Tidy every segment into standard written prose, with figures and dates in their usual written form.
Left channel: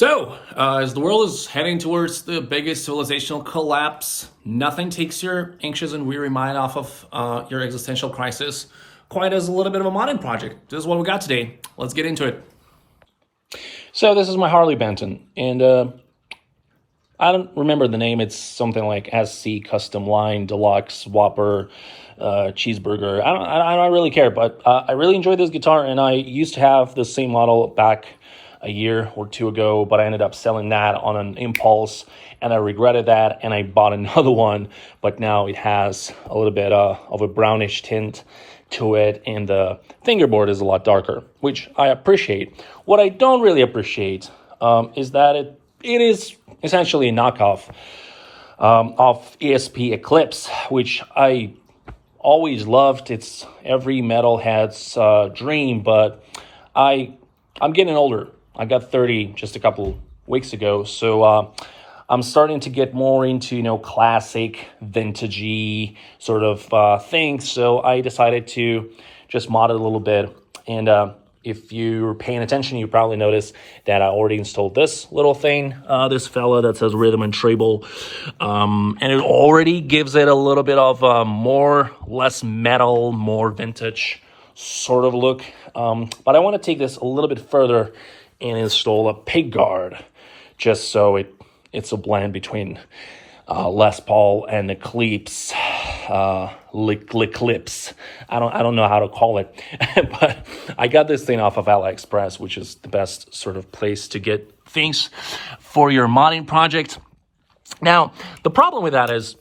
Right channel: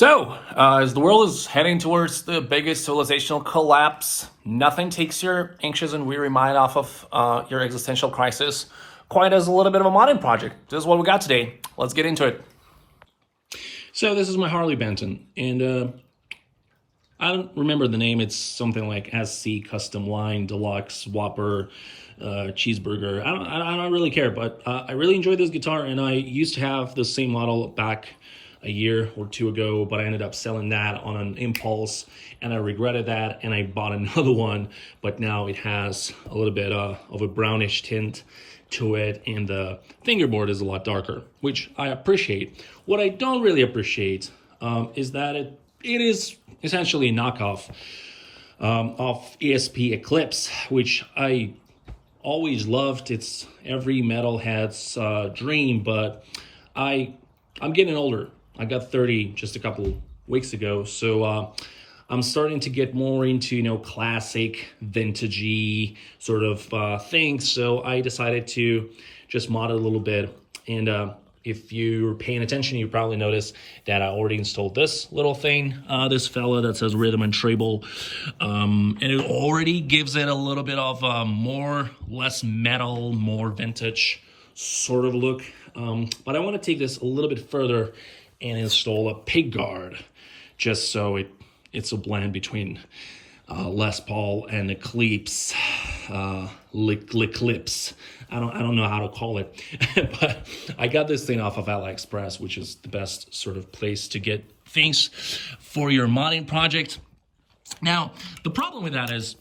As the world is heading towards the biggest civilizational collapse, nothing takes your anxious and weary mind off of your existential crisis quite as a little bit of a modding project. This is what we got today. Let's get into it. So this is my Harley Benton, and I don't remember the name. It's something like SC Custom Line Deluxe Whopper Cheeseburger. I don't really care, but I really enjoy this guitar, and I used to have the same model back a year or two ago, but I ended up selling that on an impulse, and I regretted that, and I bought another one, but now it has a little bit of a brownish tint to it, and the fingerboard is a lot darker, which I appreciate. What I don't really appreciate is that it is essentially a knockoff of ESP Eclipse, which I always loved. It's every metalhead's dream, but I'm getting older. I got 30 just a couple weeks ago, so I'm starting to get more into classic, vintagey sort of things. So I decided to just mod it a little bit. And if you're paying attention, you probably noticed that I already installed this little thing, this fella that says Rhythm and Treble, and it already gives it a little bit of less metal, more vintage sort of look. But I want to take this a little bit further and install a Pickguard, just so it's a blend between Les Paul and Eclipse, Eclipse. I don't know how to call it, but I got this thing off of AliExpress, which is the best sort of place to get things for your modding project. Now, the problem with that is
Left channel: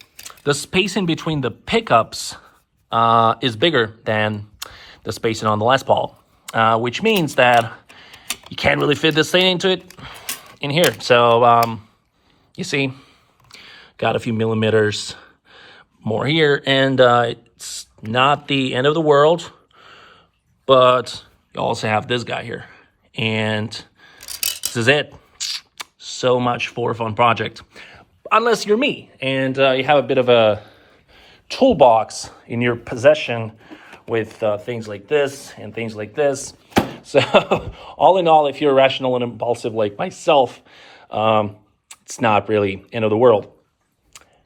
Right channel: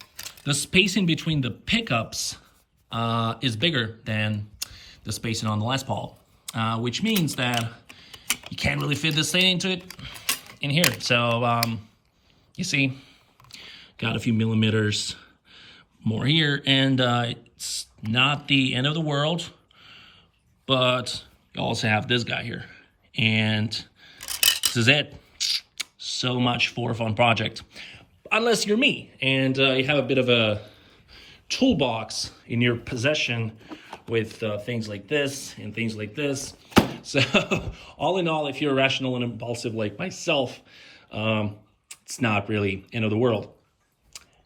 the spacing between the pickups is bigger than the spacing on the Les Paul, which means that you can't really fit this thing into it in here. So you see, got a few millimeters more here, and it's not the end of the world, but you also have this guy here, and this is it. So much for a fun project, unless you're me and you have a bit of a toolbox in your possession with things like this and things like this. So all in all, if you're rational and impulsive like myself, it's not really end of the world,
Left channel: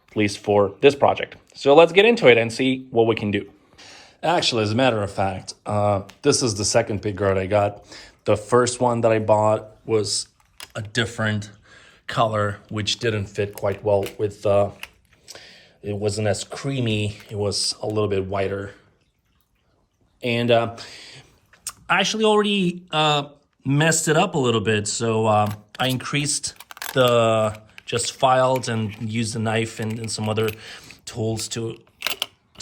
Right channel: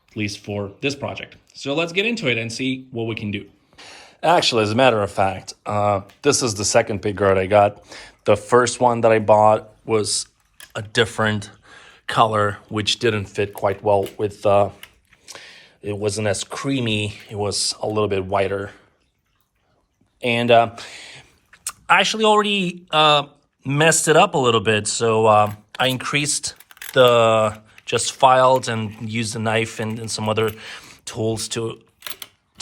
at least for this project. So let's get into it and see what we can do. Actually, as a matter of fact, this is the second Pickguard I got. The first one that I bought was a different color, which didn't fit quite well with, it wasn't as creamy. It was a little bit whiter. And I actually already messed it up a little bit. So I increased just filed and used a knife and some other tools to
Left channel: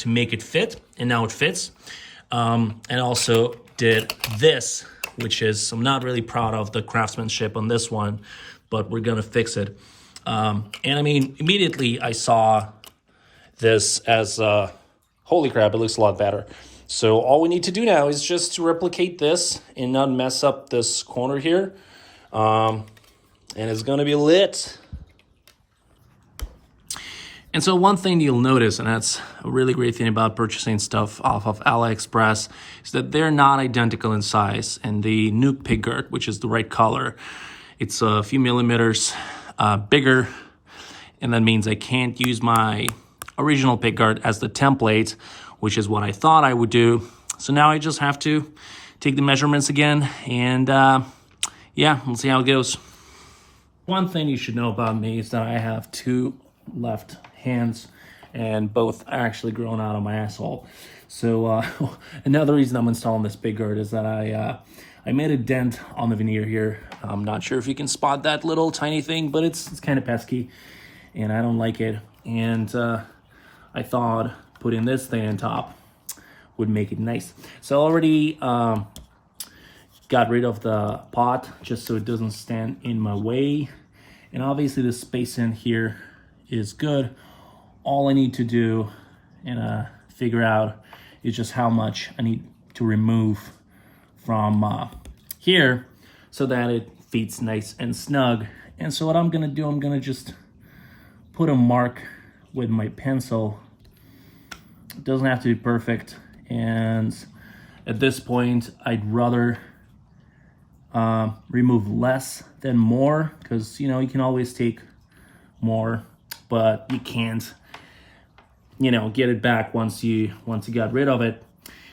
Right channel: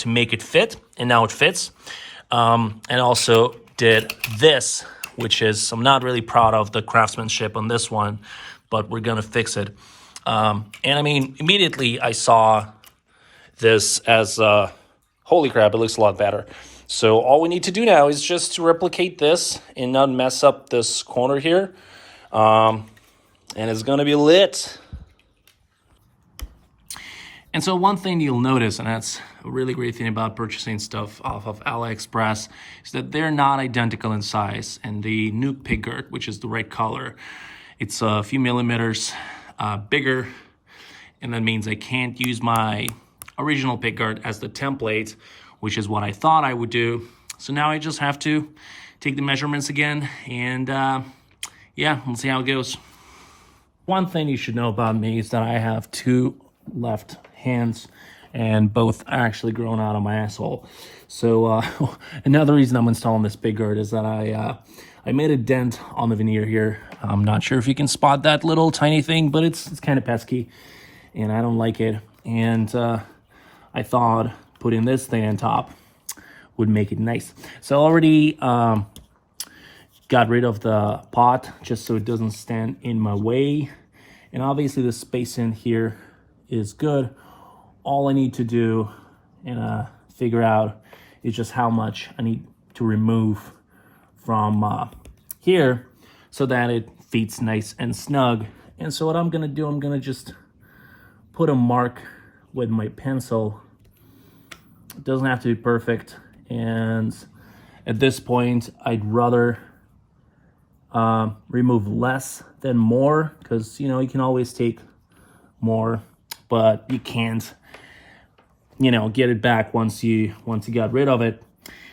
make it fit, and now it fits. And also did this, which is, I'm not really proud of the craftsmanship on this one, but we're gonna fix it. And I mean, immediately I saw this as, holy crap, it looks a lot better. So all we need to do now is just to replicate this and not mess up this corner here. And it's gonna be lit. And so one thing you'll notice, and that's a really great thing about purchasing stuff off of AliExpress, is that they're not identical in size. And the new Pickguard, which is the right color, it's a few millimeters bigger. And that means I can't use my original Pickguard as the template, which is what I thought I would do. So now I just have to take the measurements again, and yeah, we'll see how it goes. One thing you should know about me is that I have two left hands, and both are actually grown out of my asshole. So another reason I'm installing this Pickguard is that I made a dent on the veneer here. I'm not sure if you can spot that little tiny thing, but it's kind of pesky, and I don't like it. And I thought putting this thing on top would make it nice. So I already got rid of the pot just so it doesn't stand in my way. And obviously the spacing here is good. All I need to do and figure out is just how much I need to remove from here so that it fits nice and snug. And so what I'm gonna do, I'm gonna just put a mark with my pencil. It doesn't have to be perfect, and at this point I'd rather remove less than more, because you can always take more, but you can't get it back once you got rid of it.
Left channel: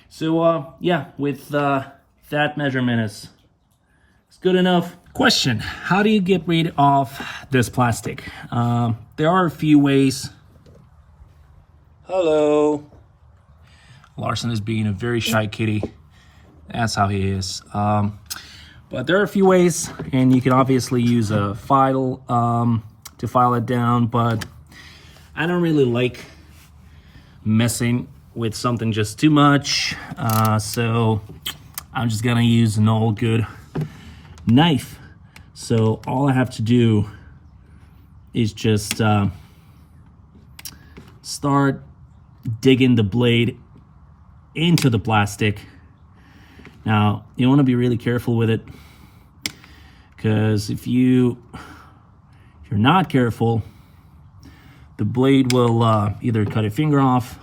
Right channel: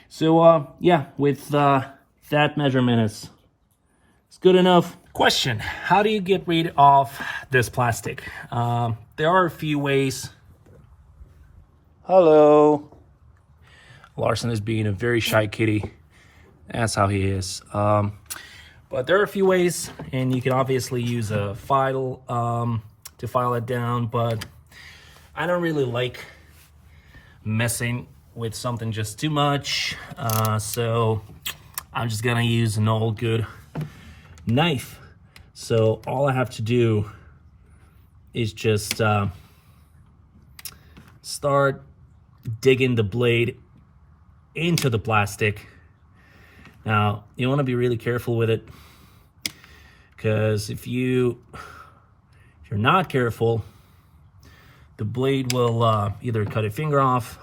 So yeah, with that measurement is good enough. Question: how do you get rid of this plastic? There are a few ways. Hello. Larson is being a very shy kitty. That's how he is. But there are a few ways, and you can obviously use a file to file it down, but I don't really like messing with something just too much, so I'm just gonna use an old good knife. So all I have to do is just start digging the blade into the plastic. Now you want to be really careful with it, because if you're not careful, the blade will either cut a finger off,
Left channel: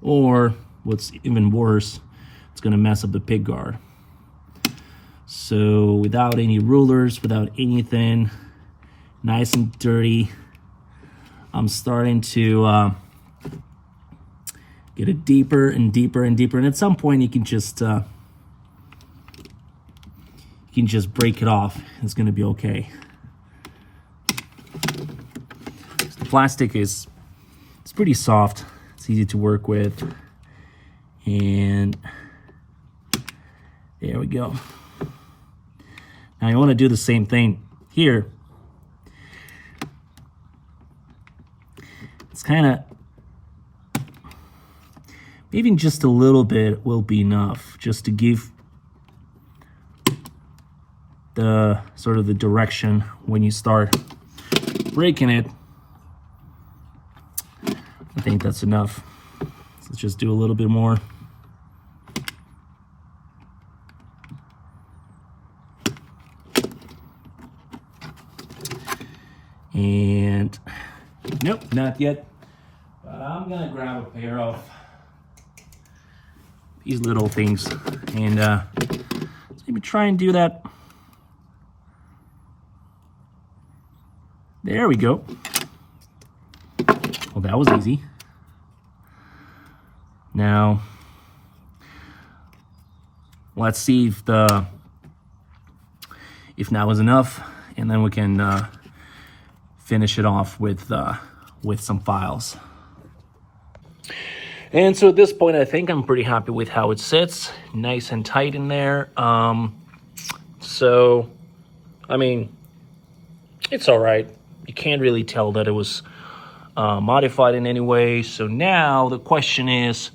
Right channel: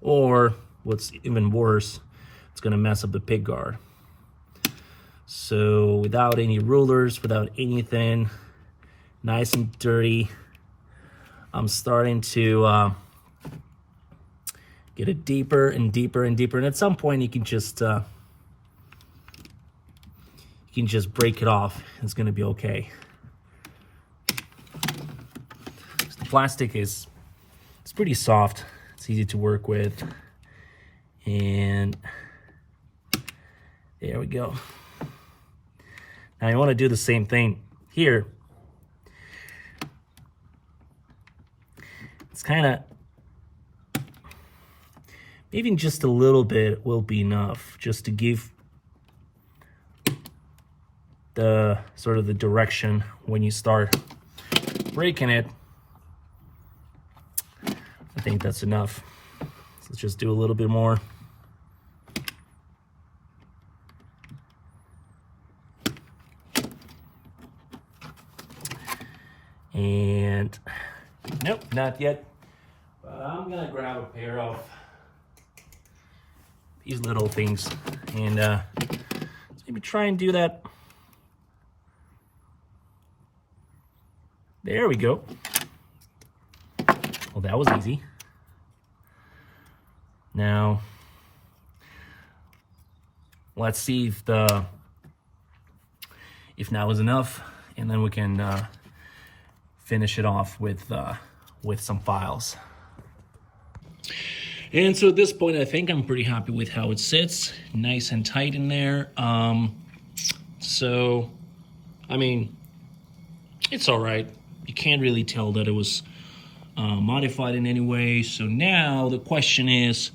or what's even worse, it's gonna mess up the pick guard. So without any rulers, without anything, nice and dirty, I'm starting to get it deeper and deeper and deeper, and at some point you can just break it off. It's gonna be okay. The plastic it's pretty soft. It's easy to work with, and there we go. Now you want to do the same thing here. It's kind of, maybe just a little bit will be enough, just to give the sort of the direction when you start breaking it. I think that's enough. So let's just do a little bit more. And nope, not yet. But I'm gonna grab a pair of these little things, and let's maybe try and do that. There we go. Well, that was easy. Now let's see if now is enough, and then we can finish it off with some files. And so at this point, I think I'm pretty happy with how it sits, nice and tight in there. So, I mean, it's all right. You can't really tell that it was modified in any way. So now the question is,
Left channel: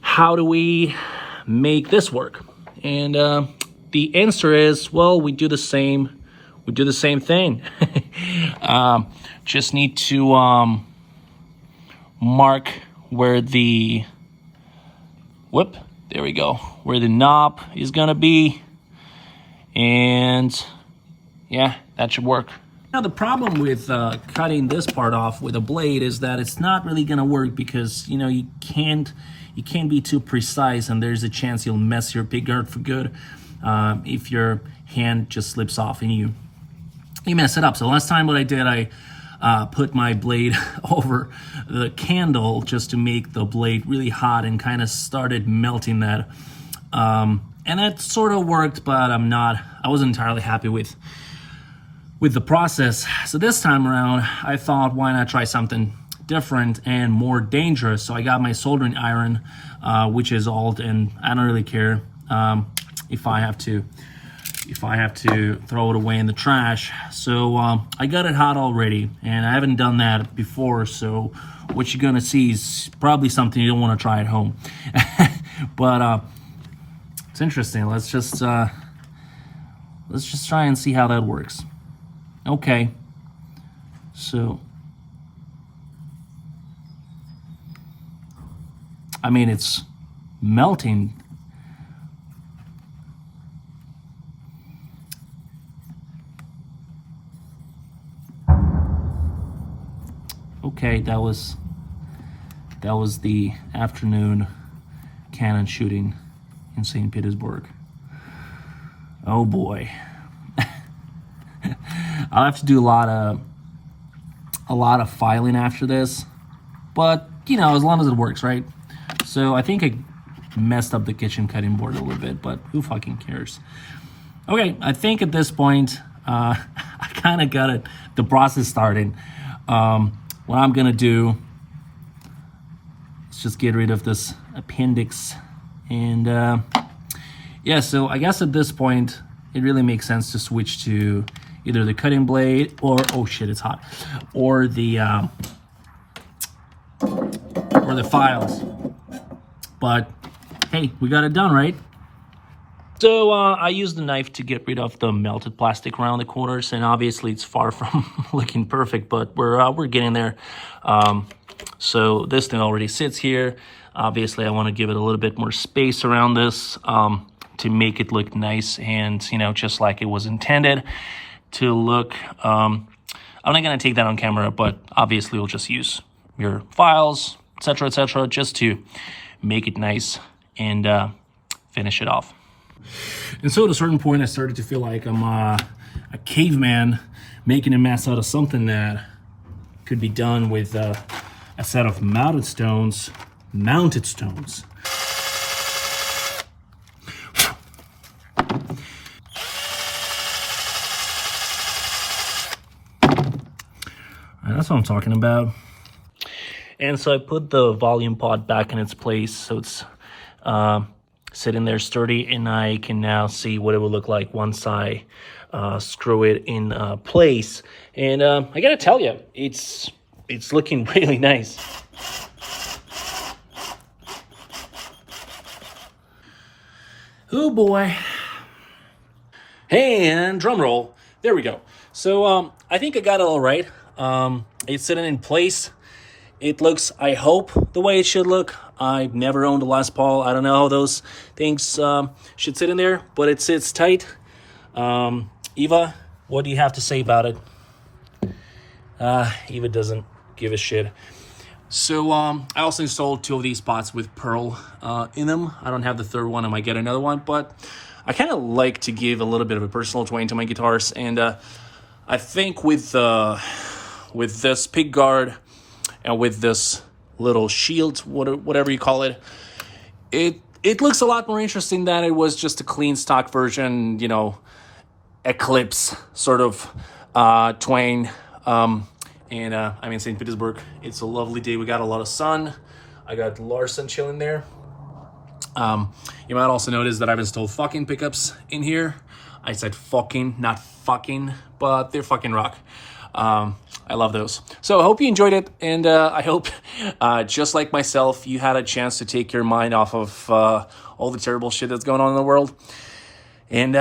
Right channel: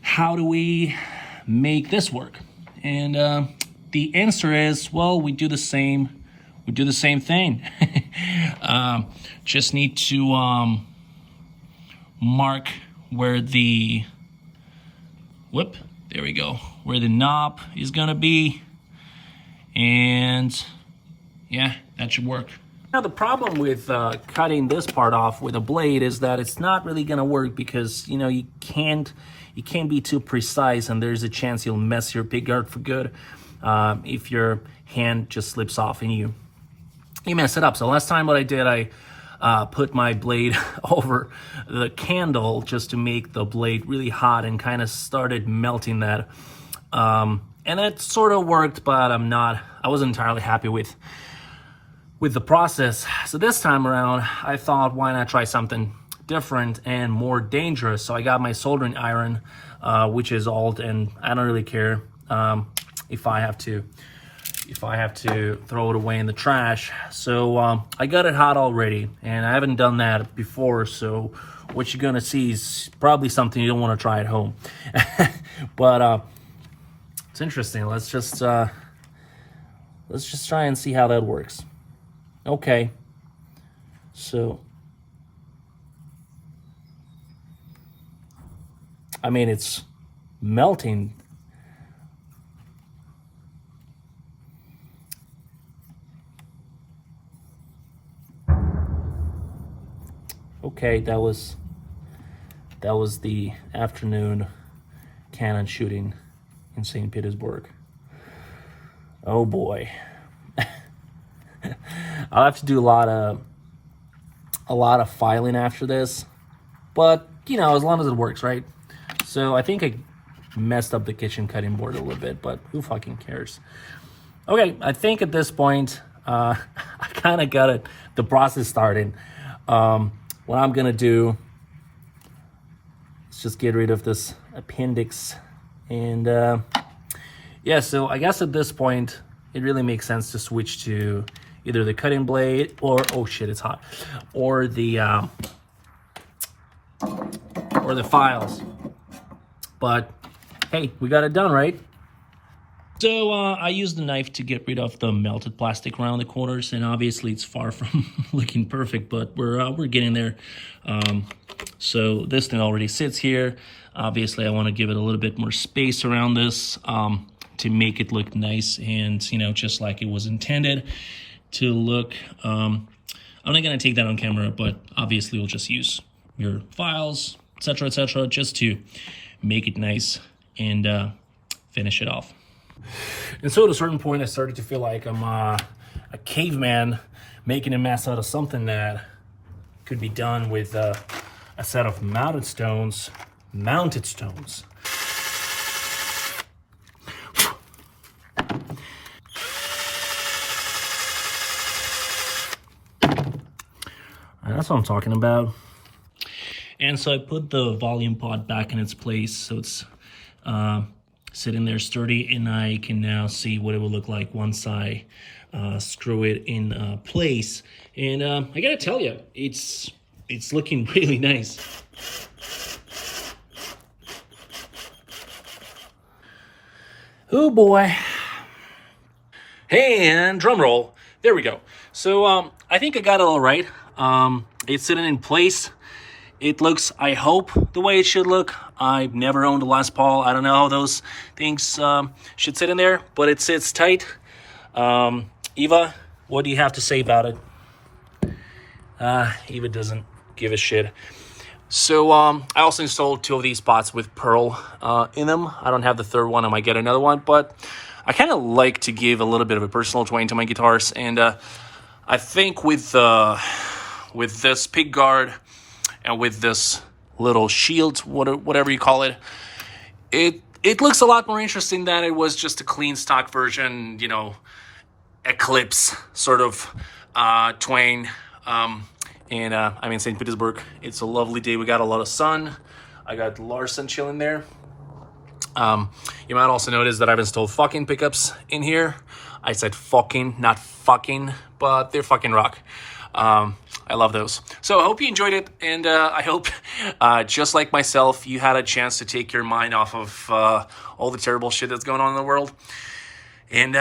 how do we make this work? And the answer is, well, we do the same thing. Just need to mark where the there we go, where the knob is gonna be, and yeah, that should work. Now the problem with cutting this part off with a blade is that it's not really gonna work, because you can't be too precise, and there's a chance you'll mess your pick guard for good if your hand just slips off and you mess it up. So last time what I did, I put my blade over the candle just to make the blade really hot, and kind of started melting that. And it sort of worked, but I wasn't entirely happy with the process. So this time around, I thought, why not try something different and more dangerous? So I got my soldering iron, which is old, and I don't really care if I have to throw it away in the trash. So I got it hot already, and I haven't done that before, so what you're gonna see is probably something you don't want to try at home. But it's interesting. Let's just try and see how that works. Okay, so I mean, it's melting. Okay, that was the afternoon cannon shooting in St. Petersburg. Oh boy. I'll have to do a lot of filing after this, but you know, as long as it works, right? So I think I messed up the kitchen cutting board a little bit, but who fucking cares? Okay, I think at this point, I kind of got the process started. What I'm gonna do is just get rid of this appendix, and yeah. So I guess at this point, it really makes sense to switch to either the cutting blade or oh shit, it's hot, or the files. But hey, we got it done, right? So I used the knife to get rid of the melted plastic around the corners, and obviously it's far from looking perfect, but we're getting there. So this thing already sits here. Obviously, I want to give it a little bit more space around this to make it look nice and, you know, just like it was intended to look. I'm not going to take that on camera, but obviously we'll just use your files, etc., just to make it nice and finish it off. And so at a certain point, I started to feel like I'm a caveman making a mess out of something that could be done with a set of mounted stones. That's what I'm talking about. And so I put the volume pod back in its place, so it's sitting there sturdy, and I can now see what it would look like once I screw it in place. And I gotta tell you, it's looking really nice. Oh boy. And drum roll. There we go. So I think I got it all right. It's sitting in place. It looks, I hope, the way it should look. I've never owned a Les Paul. I don't know how those things should sit in there, but it sits tight. Eva, what do you have to say about it? Eva doesn't give a shit. So I also installed 2 of these spots with pearl in them. I don't have the third one. I might get another one, but I kind of like to give a little bit of a personal twang to my guitars, and I think with this Pickguard and with this little shield, whatever you call it, it looks a lot more interesting than it was just a clean stock version, you know, Eclipse sort of twang. And I'm in St. Petersburg. It's a lovely day. We got a lot of sun. I got Larson chilling there. You might also notice that I've installed fucking pickups in here. I said fucking, not fucking, but they're fucking rock. I love those. So I hope you enjoyed it, and I hope, just like myself, you had a chance to take your mind off of all the terrible shit that's going on in the world. And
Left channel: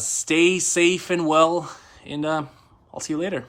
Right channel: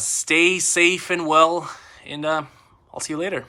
stay safe and well, and I'll see you later.